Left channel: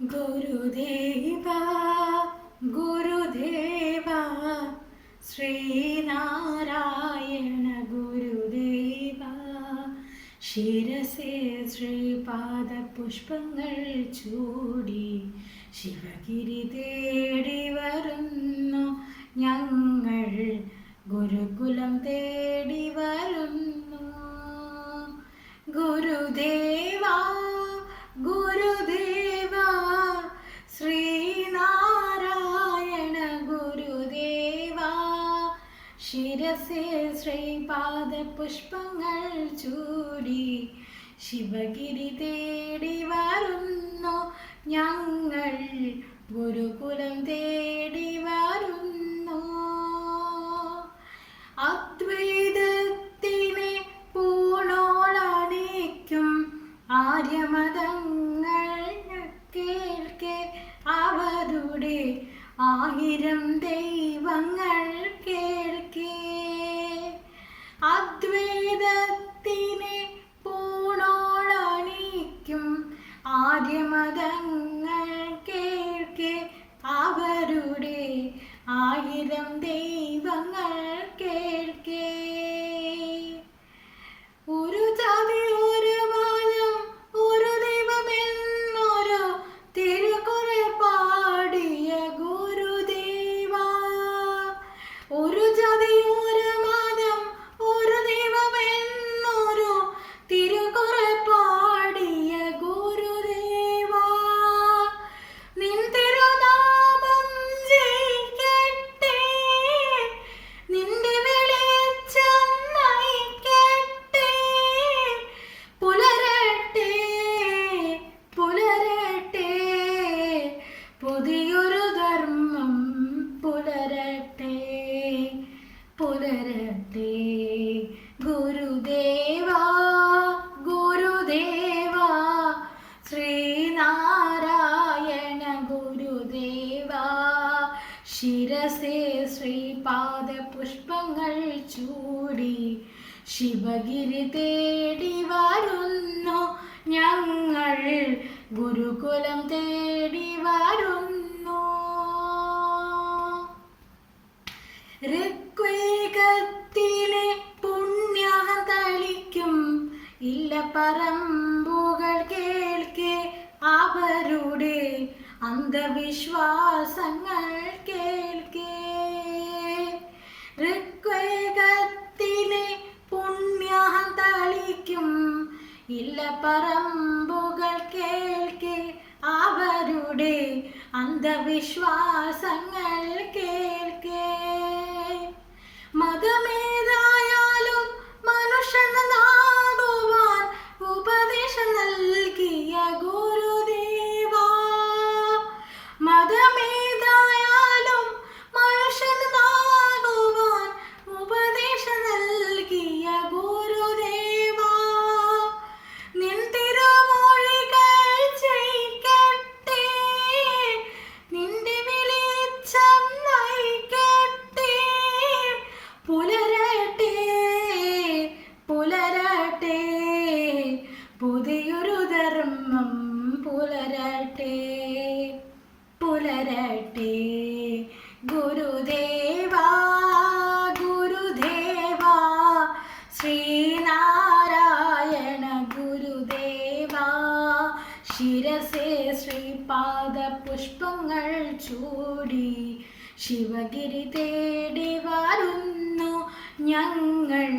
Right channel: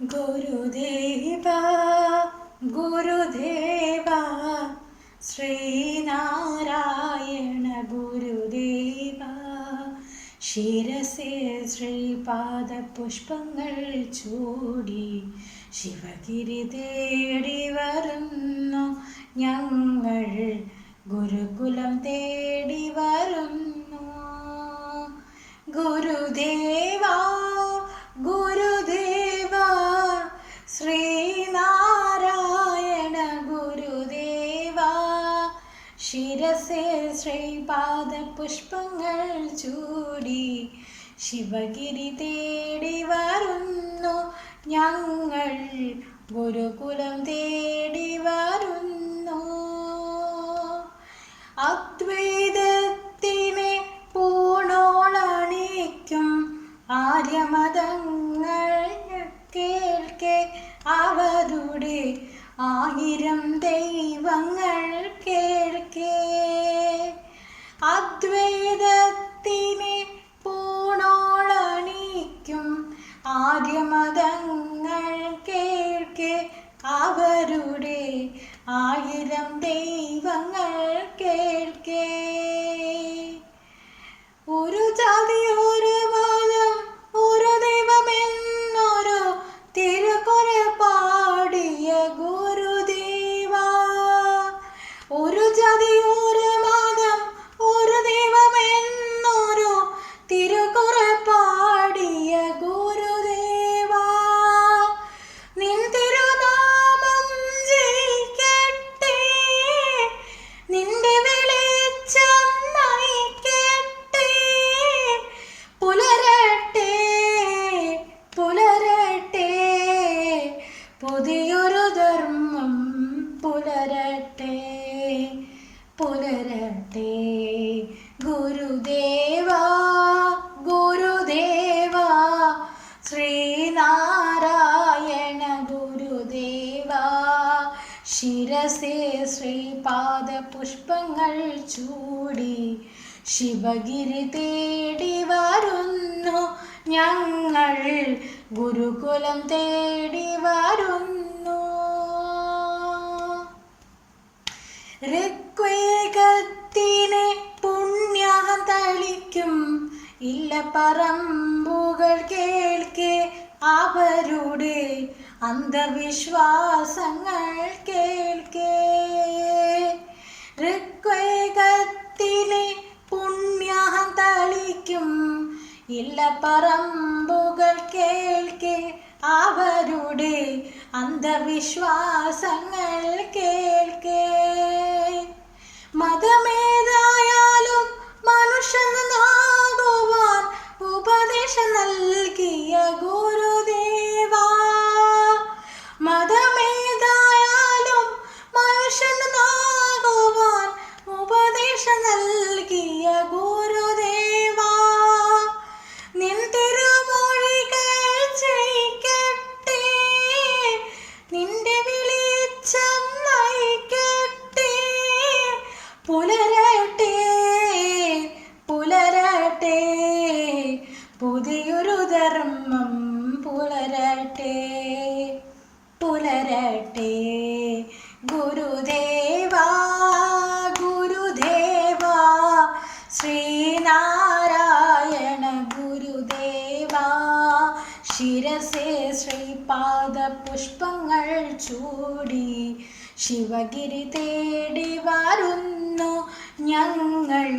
ഗുരുദേവ ഗുരുദേവ ശ്രീനാരായണ ഗുരുദേവ ശിരസേ ശ്രീപാദപുഷ്പങ്ങൾ ചൂടി ശിവഗിരി തേടി വരുന്നു ഞങ്ങൾ ഗുരുകുലം തേടി വരുന്നു. ഗുരുദേവ ഗുരുദേവ ശ്രീനാരായണ ഗുരുദേവ ശിരസേ ശ്രീപാദപുഷ്പങ്ങൾ ചൂടി ശിവഗിരി തേടി വരുന്നു ഞങ്ങൾ ഗുരുകുലം തേടി വരുന്നു. അദ്വൈതത്തിനെ പൂണോളണിക്കും ആര്യമതങ്ങൾ കേൾക്കെ അവരുടെ ആയിരം ദൈവങ്ങൾ കേൾക്കെ. അദ്വൈതത്തിനെ പൂണോളണിക്കും ആര്യമതങ്ങൾ കേൾക്കെ അവരുടെ ആയിരം ദൈവങ്ങൾ കേൾക്കെ. ഒരു ജാതി ഒരു മതം ഒരു ദൈവമെന്നൊരു തിരുക്കുറൾ പാടിയ ഗുരുദേവ. ഒരു ജാതി ഒരു മതം ഒരു ദൈവമെന്നൊരു തിരുക്കുറൾ പാടിയ ഗുരുദേവ. നിൻ തിരുനാമം ജയിക്കട്ടെ, നിന്റെ വെളിച്ചം നയിക്കട്ടെ. പുലരട്ടെ പുലരട്ടെ പുതിയൊരു ധർമ്മം പുലരട്ടെ പുലരട്ടെ. ഗുരുദേവ ഗുരുദേവ ശ്രീനാരായണ ഗുരുദേവ ശിരസേ ശ്രീപാദപുഷ്പങ്ങൾ ചൂടി ശിവഗിരി തേടി വരുന്നു ഞങ്ങൾ ഗുരുകുലം തേടി വരുന്നു. ഋഗ്വേദത്തിലെ പുണ്യം തളിക്കും ഇല്ല പറമ്പുകൾ കേൾക്കെ അവരുടെ അന്ധവിശ്വാസങ്ങൾ കേൾക്കെ. ഋഗ്വേദത്തിലെ പുണ്യം തളിക്കും ഇല്ല പറമ്പുകൾ കേൾക്കെ അവരുടെ അന്ധവിശ്വാസങ്ങൾ കേൾക്കെ. മതമേതായാലും മനുഷ്യനാകുവാൻ ഉപദേശം നൽകിയ ഗുരുദേവ. മതമേതായാലും മനുഷ്യനാകുവാൻ ഉപദേശം നൽകിയ ഗുരുദേവ. നിൻ തിരുമൊഴികൾ ജയിക്കട്ടെ, നിന്റെ വെളിച്ചം നയിക്കട്ടെ. പുലരട്ടെ പുലരട്ടെ പുതിയൊരു ധർമ്മം പുലരട്ടെ പുലരട്ടെ. ഗുരുദേവ ഗുരുദേവ ശ്രീനാരായണ ഗുരുദേവ ശിരസേ ശ്രീപാദപുഷ്പങ്ങൾ ചൂടി ശിവഗിരി തേടി വരുന്നു ഞങ്ങൾ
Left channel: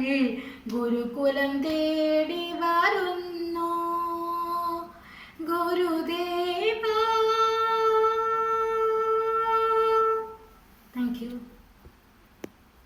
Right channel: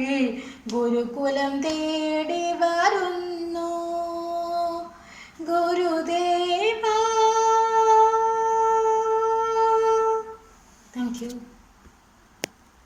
ഗുരുകുലം തേടി വരുന്നു. ഗുരുദേവ